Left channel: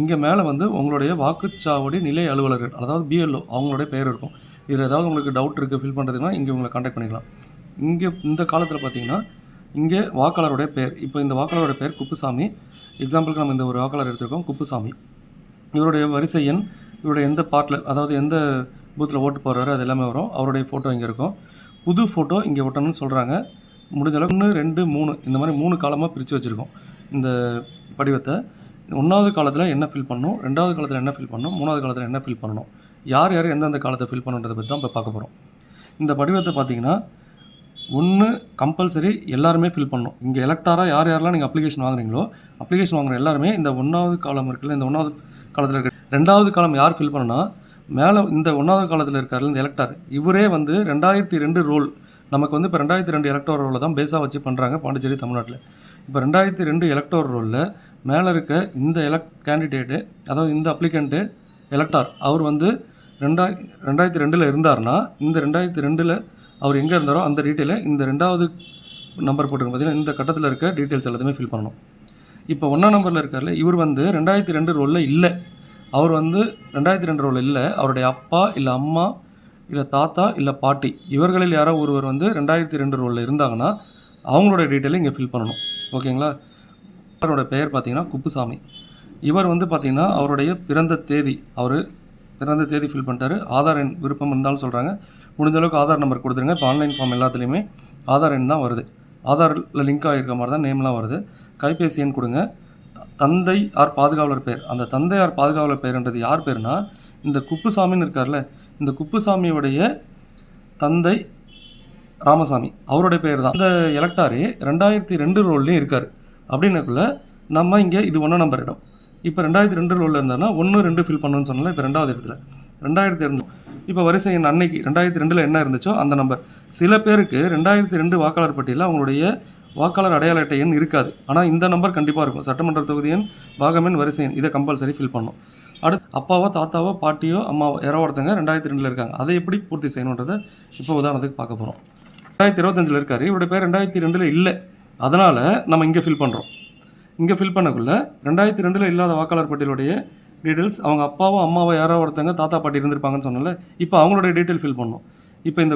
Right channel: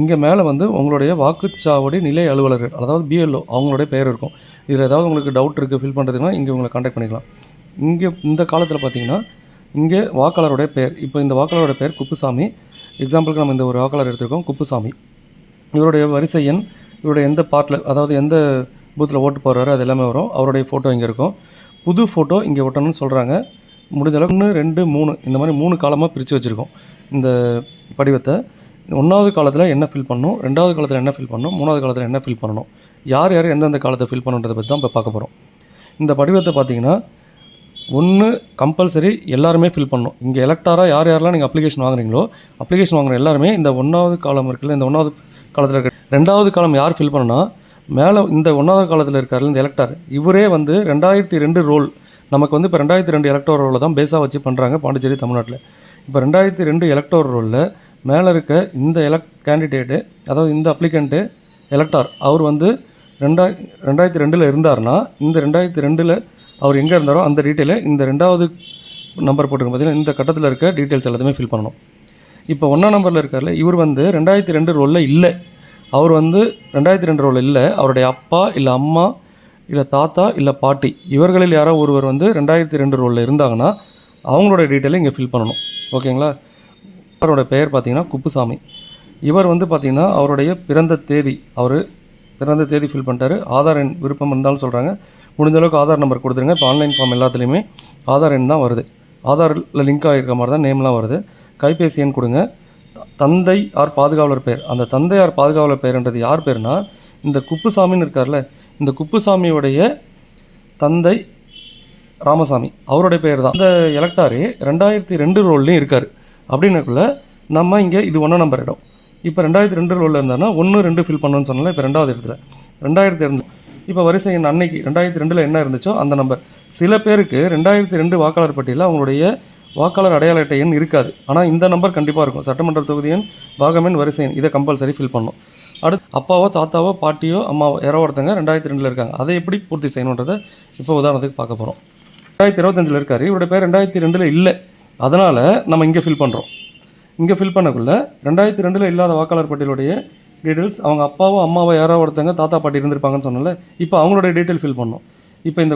இங்கே மேலே வந்து உங்களுடைய வாக்குச்சாவடி நிலை அலுவலர்கள், அதாவது பிஎல்ஓ அவங்களுடைய பெயர் இருக்கும். இதில் ஏதாவது உங்களுக்கு டவுட் இருக்குது ஃபில் பண்ணுறதுக்குன்னா இங்கே உங்களை கான்டாக்ட் பண்ணிக்கலாம். இங்கே இந்த காலத்தில் பார்த்தீங்கன்னா இங்கே வாக்காளருடைய பெயர், இப்போ இந்த வாக்காளருடைய பெயர் குப்புசாமி. எக்ஸாம்பிளுக்கு நம்ம இந்த ஒரு வாக்காளர் எடுத்துருக்கோம், குப்புசாமி. இவருடைய வரிசை எண், இவருடைய எந்த பார்ட்டில், அதாவது எந்த பூத்தில் ஓட்டு போடுறாரு அது எல்லாமே வரும். அவருடைய ஃபோட்டோ இங்கே இருக்கும். புது ஃபோட்டோ இங்கே ஒட்டணும்னு சொல்கிறாங்க. முடிஞ்ச அளவுக்கு 1, 2, 3 இந்த மாதிரி 3 காலமாக பிரித்து வச்சுருக்கோம் இந்த படிவத்தை. 1வது காலத்தில் என்ன ஃபில் பண்ணணும், 2வது காலத்தில் என்ன ஃபில் பண்ணணும், 3வது காலத்தில் என்ன ஃபில் பண்ணணும், யார் யார் எந்தெந்த காலத்தை ஃபில் பண்ணுன்றதை பற்றி தான் இப்போ பார்க்க போகிறோம். இந்த படிவத்தை பார்த்தீங்கன்னா 1 கம்பல்சரி எல்லாருமே ஃபில் பண்ணணும். இங்கே எலக்டாராக யார் யாரெல்லாம் நீங்கள் அப்ளிகேஷன் வாங்குறீங்களோ, அப்ளிகேஷன் வாங்குற எல்லாருமே இந்த 1வது காலம் இருக்குல்ல, இந்த 1வது காலத்தில் இருக்க 2வது காலம் யார் ஃபில் பண்ணணும்னா, மேலே இந்த 1வது காலத்தில் இருக்கார் இந்த எலக்டார், இவரே வந்து 2002 ரோல் நமக்கு வந்து இப்போ 2002 எலக்டோர் ரோலை தான் பேஸாக வச்சு பண்ணுறாங்க பாண்டிச்சேரி தமிழ்நாட்டில். இப்போ 2002 எலக்டோர் ரோலில் மேலே இருக்க இந்த கேண்டிடேட்டு, அதாவது இந்த அப்ளிகண்ட்டு எலக்டார், அவர் வந்து 2002 இருந்தார்னா இந்த 2002 அவர் எங்கே இருந்தாரோ அந்த டீட்டெயிலை இந்த 2வது நம்பர் போட்டுருங்க பார்த்தீங்கன்னா, இந்த கட்டத்தில் இருக்க டீட்டெயில்ஸ் எல்லாத்தையுமே ஃபில் பண்ணணும். இப்போ 1ஆம் நம்பரில் இருக்கார்ல, இவர் வந்து 2002 ரோலில் இல்லை. அவர் வந்து 2002 ரோலில் இல்லை. அவருடைய அப்பா இல்லை அம்மா இல்லை தாத்தா இல்லை பாட்டி இவர்களில் யாரோ ஒருவர் வந்து 2002 ரோலில் இருந்தாங்கன்னா அவங்களோட டீட்டெயிலை இங்கே ஃபில் பண்ணணும். ஓகேங்களா? அவரோட பெயர் பார்த்தீங்கன்னா குப்புசாமி. இவர் வந்து பார்த்திங்கன்னா அவருடைய பிறந்த தேதி, அவர் பிறந்த தேதி ஃபில் பண்ணிட்டாரு. ஆதார் எண் விருப்பம் இருந்தாலும் சொல்கிறாங்க. முடிஞ்ச அளவுக்கு ஆதார் நம்பர் கொடுத்துருங்க. இப்போ ஆன்லைன் ஃபார்ம் எல்லாத்துலேயுமே ஆதார் எண் தான் வருது. ஆதாரில் லிங்க் ஆகிருக்க மாதிரி தான் நேம்லாம் வருது. கைபேசி எண் கொடுங்க. தந்தை ஆர் பாதுகாவலர் பெயர், அந்த தந்தை ஆர் பாதுகாவலர் பெயர்ன்றது யார் பேர்னா, இந்த குப்புசாமின்னு இருக்கார்ல, இந்த குப்புசாமியோடைய தந்தை ராமசாமி, அவருடைய பெயர் தான். இந்த எலக்டாரே 2002 ரோல்லையும் இருக்கார். அப்படின்னக்குள்ள நம்ம இங்கே இது 1ஆம் நம்பர் இடம். இப்போ 2002 ரோலில் இருந்தாருன்னா 1, 2 ஃபில் பண்ணணும்னு சொன்னால இப்போ 2வது இடத்துல 2002. இப்போ வரிசை எண் அன்னைக்கு 2002 என்ன இருந்துச்சோ அந்த நம்பர். சில பேருக்கு 2002 வாக்காளர் பட்டியலில் அவங்களுடைய வாக்காளர் அடையாள அட்டை எண் இருக்காது. ஆனால் இந்த நம்பர் கண்டிப்பாக இருக்கும். சட்டமன்ற தொகுதி எண், பாகமெண், வரிசை எண், இதை கம்பல்சரி ஃபில் பண்ணணும். அடுத்து அப்பாவோ தாத்தாவோ பாட்டியோ அம்மாவோ யாரோ ஒருத்தங்க 2002 இருக்காங்க, அதை எப்படி பூர்த்தி செய்யணுன்றதை இப்போ உதாரணத்துக்கு பார்க்க போகிறோம். 2025 இருக்கார், இவருடைய பேர் 2002 இல்லை. அதனால் நம்ம இங்கே ஃபில் பண்ணுறோம். இங்கே ஃபில் பண்ணக்குள்ள 2002 இல்லாத வாக்காளர் பட்டியலுடைய டீட்டெயில்ஸ், அவங்க அப்பாவோ அம்மாவோ யாரோ ஒருத்தங்க தாத்தா பாட்டி இருந்திருப்பாங்கன்னு சொன்னால இப்போ அவங்களுடைய டீட்டெயில் ஃபில் பண்ணணும். இப்போ இந்த